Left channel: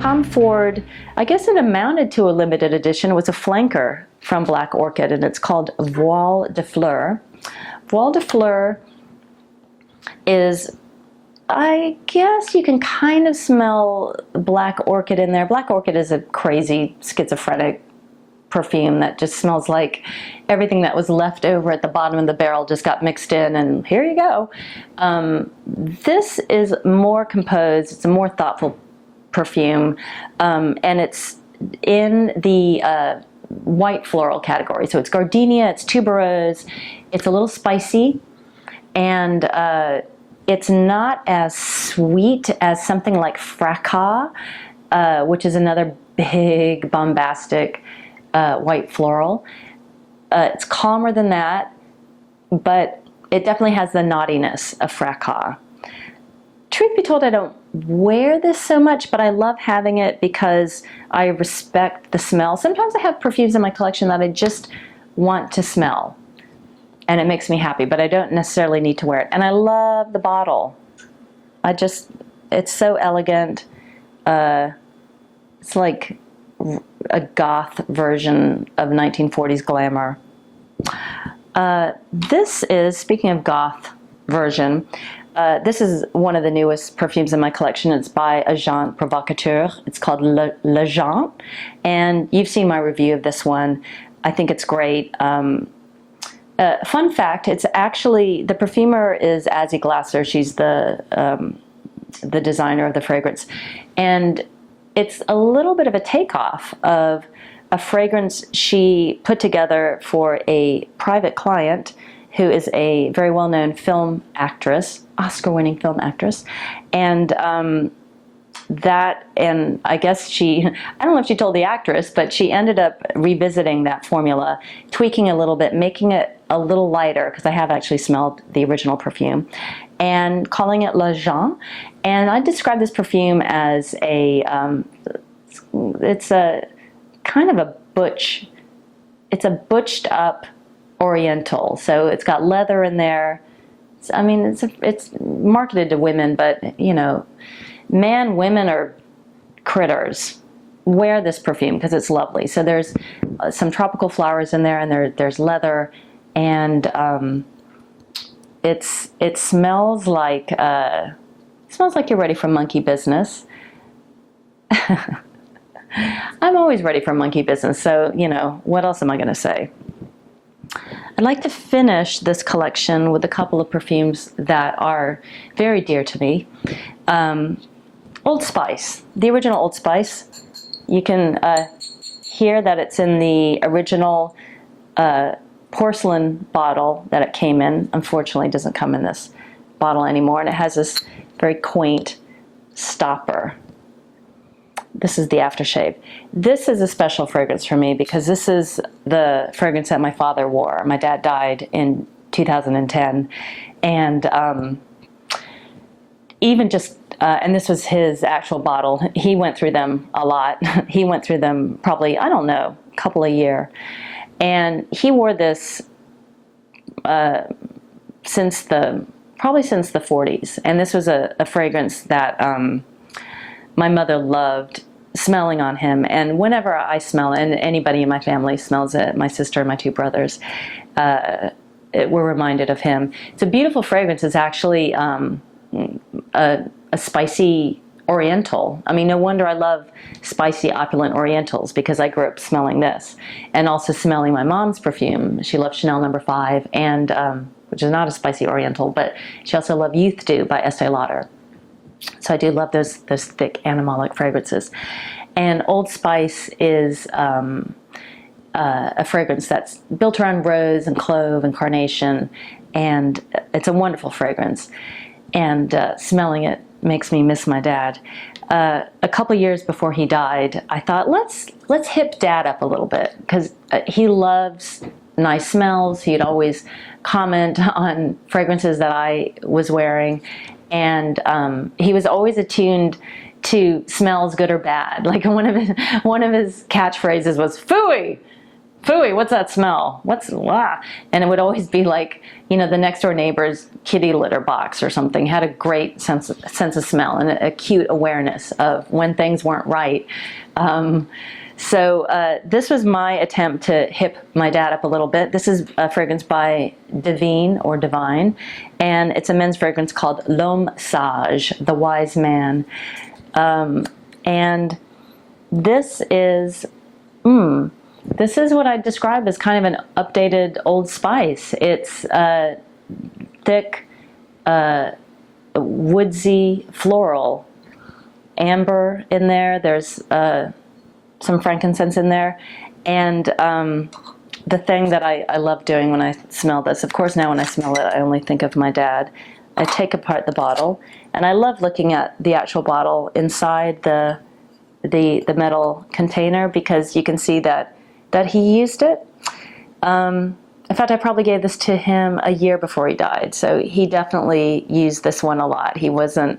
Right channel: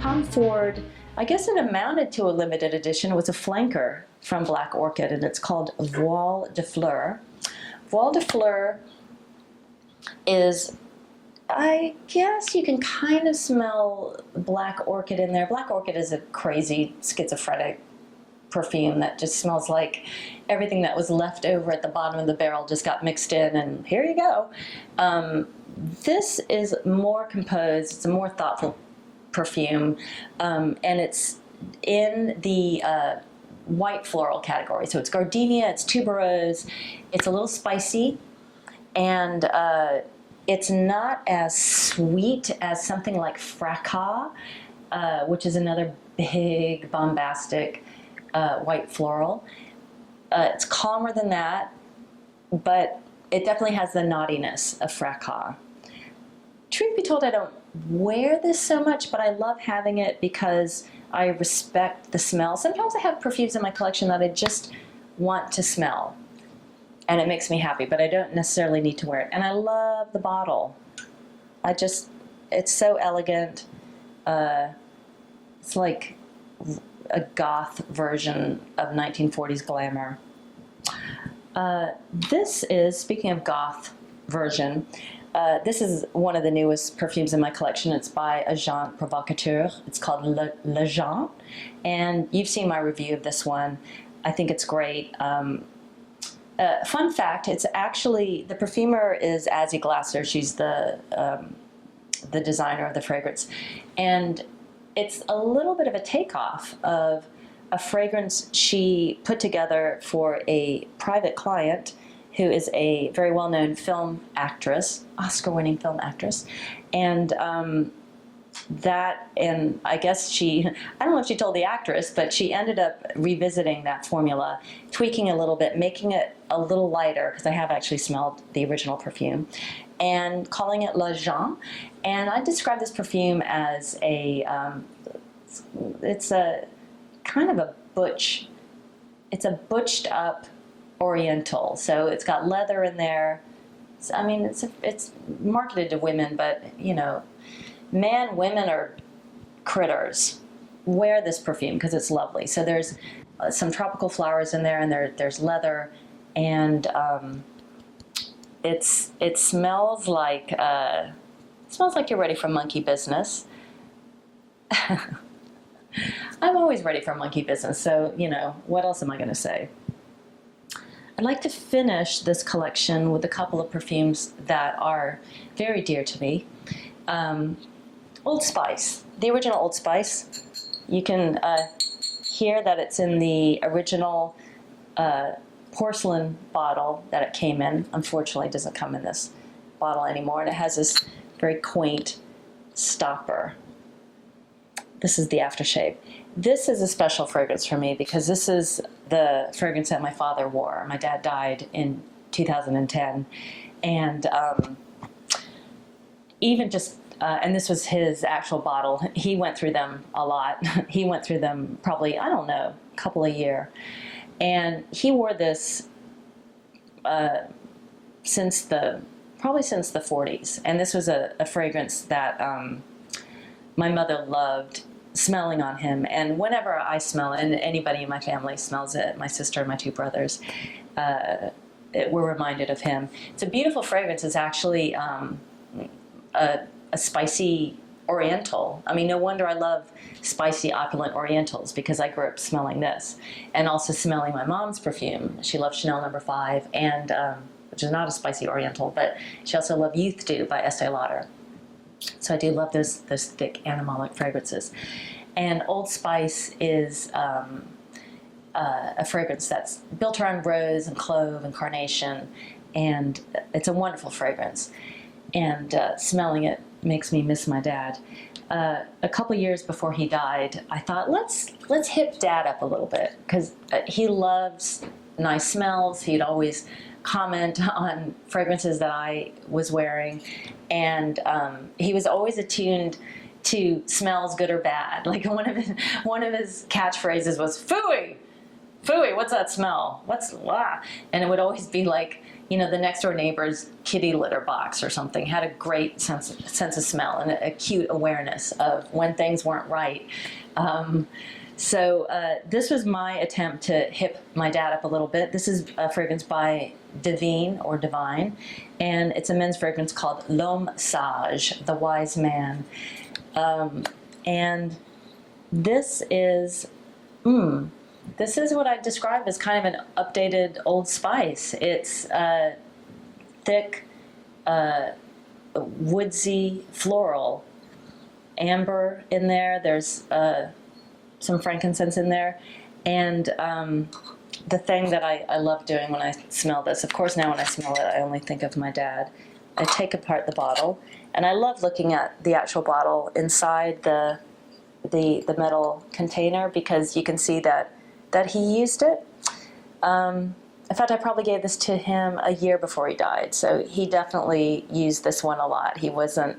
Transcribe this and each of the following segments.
Tom Ford, I guess it amounted to a limited edition. It was a flanker from Black Orchid, and it's called Voile de Fleur. Voile de Fleur is, I guess you can kind of smell Black Orchid in there. Black Orchid is a crazy schizophrenic perfume that just smells like everything that was left over at the bottom of the barrel just got mixed in, and here you go. This is more composed. It's a more thoughtful perfume, and it's in the white floral category. So it's gardenia, it's tuberose, it's a little spicy, and it's not as sweet as something like Fracas, which is another big bombastic white floral. It's calmer than that, but it definitely has the naughtiness of Fracas. Truth be told, I don't wear this so much, but I love having it because I respect the smell. Sometimes I have perfumes in my collection that I just want to smell, and it makes me happy, but I don't necessarily need to wear it. And I love the bottle. It's so elegant. It's like a goth version of 1940s glamour. This is, speaking of goth version, this is one of the newest perfumes in my collection. It's by Agent Provocateur. It's called L'Agent, and you've seen my review of this one. I think it's great. Fun fact, it's actually, the perfumer is Azzy Glasser. She's the designer of the fragrance. And it's a little bit of a takeoff of a fragrance she put together for a private client who is a very well-known film actress, Oscar-winning film actress. And and I guess I don't know if she told the actress, but she ended up revisiting that formula, tweaking a little bit, making it a little lighter, because I have actually smelled the original perfume, and calling it L'Agent. And I describe this perfume as it's a kind of a it's a butched up oriental. So it's got leather in there. I mean, it's marketed to women, but you know, women are critters. Wear this perfume because it's lovely. So there's some tropical flowers in there, and there's leather, and it smells like you're ready for monkey business. I'm always ready for monkey business, so you know, what else am I going to say? I'd like to finish this collection with a couple of perfumes that are very dear to me. Old Spice, the original Old Spice. You can hear that it's in the original porcelain bottle that it came in. Unfortunately, it doesn't come in this bottle anymore, and it has this very quaint stopper. This is the aftershave. This is a special fragrance for me because this is the fragrance that my father wore. My dad died in 2010, and even just, and this was his actual bottle. He went through them a lot. He went through them probably, I don't know, a couple a year. And he wore this probably since the 40s. And this was a fragrance that my mother loved smelling on him. And whenever I smell it, and anybody in my family smells it, my sister and my two brothers, we're reminded of him. It's a beautiful fragrance. It's actually a spicy oriental. I mean, no wonder I love spicy, opulent orientals, because I grew up smelling this, and also smelling my mom's perfume. She loved Chanel No. 5, and which is not a spicy oriental, but she also loved Youth Dew by Estee Lauder. So I do love those thick animalic fragrances. And Old Spice is a fragrance that's built around rose and clove and carnation, and it's a wonderful fragrance. And smelling it makes me miss my dad. A couple years before he died, I thought, let's hip Dad up a little bit, because he loves nice smells. He'd always comment on fragrances that I was wearing, and he was always attuned to smells, good or bad. Like one of his catchphrases was "Phooey," Phooey, what's that smell? And it would always be like, you know, the next door neighbor's kitty litter box or something had a great sense of smell and a cute awareness of when things weren't right. So this was my attempt to hip my dad up a little bit. This is a fragrance by Divine, and it's a men's fragrance called L'Homme Sage, the wise man. And this is what I describe as kind of an updated Old Spice. It's thick, woodsy, floral, amber in there. There's some frankincense in there. And the thing that I love doing when I smell this, of course now when I smell it, I only think of my dad. I take apart the bottle, and I love looking at the actual bottle inside the metal container, because you can see that he used it. In fact, I probably gave this to him a year before he died, so he definitely used this one a lot. He wasn't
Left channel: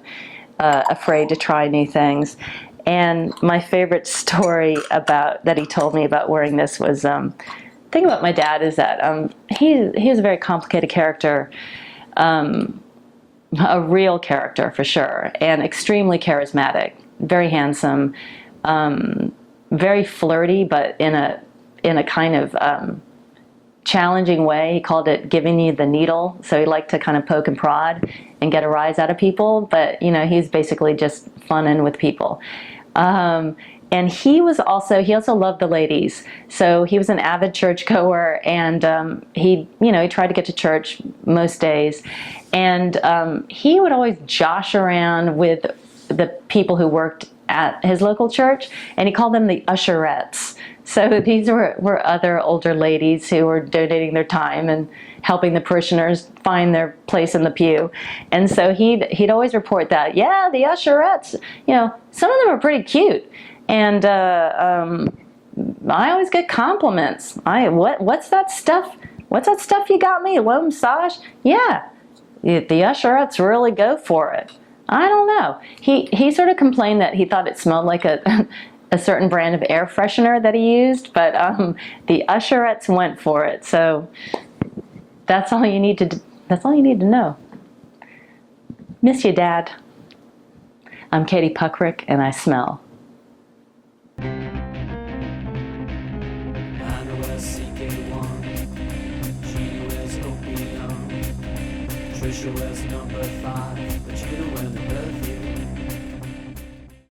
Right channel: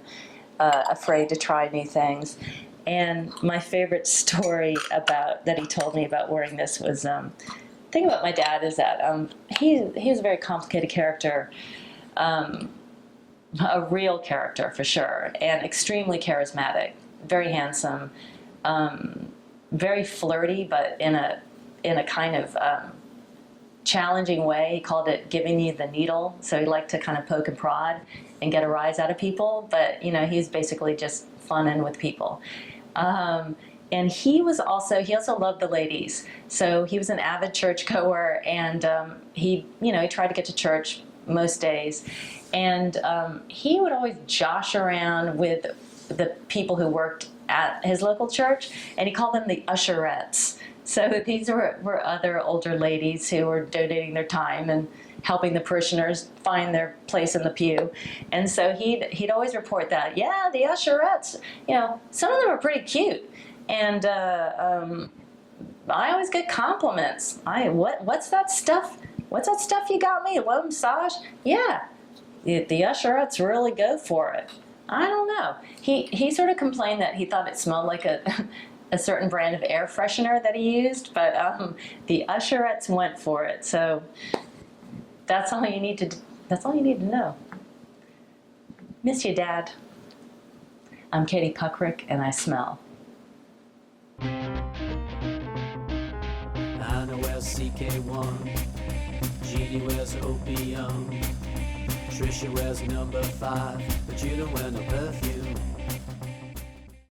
afraid to try new things. And my favorite story that he told me about wearing this was, the thing about my dad is that he is a very complicated character, a real character for sure, and extremely charismatic, very handsome, very flirty, but in a kind of challenging way. He called it giving you the needle. So he liked to kind of poke and prod and get a rise out of people, but you know, he's basically just funning with people. And he also loved the ladies. So he was an avid churchgoer, and he tried to get to church most days. And he would always josh around with the people who worked at his local church, and he called them the usherettes. So these were other older ladies who were donating their time and helping the parishioners find their place in the pew. And so he'd always report that, yeah, the usherettes, you know, some of them are pretty cute. And I always get compliments. What's that stuff? What's that stuff you got me? L'Homme Sage? Yeah, the usherettes really go for it. I don't know. He sort of complained that he thought it smelled like a certain brand of air freshener that he used, but the usherettes went for it. So that's all you need to know. Miss you, Dad. I'm Katie Puckrick, and I smell. Trisha wears number 5, but you the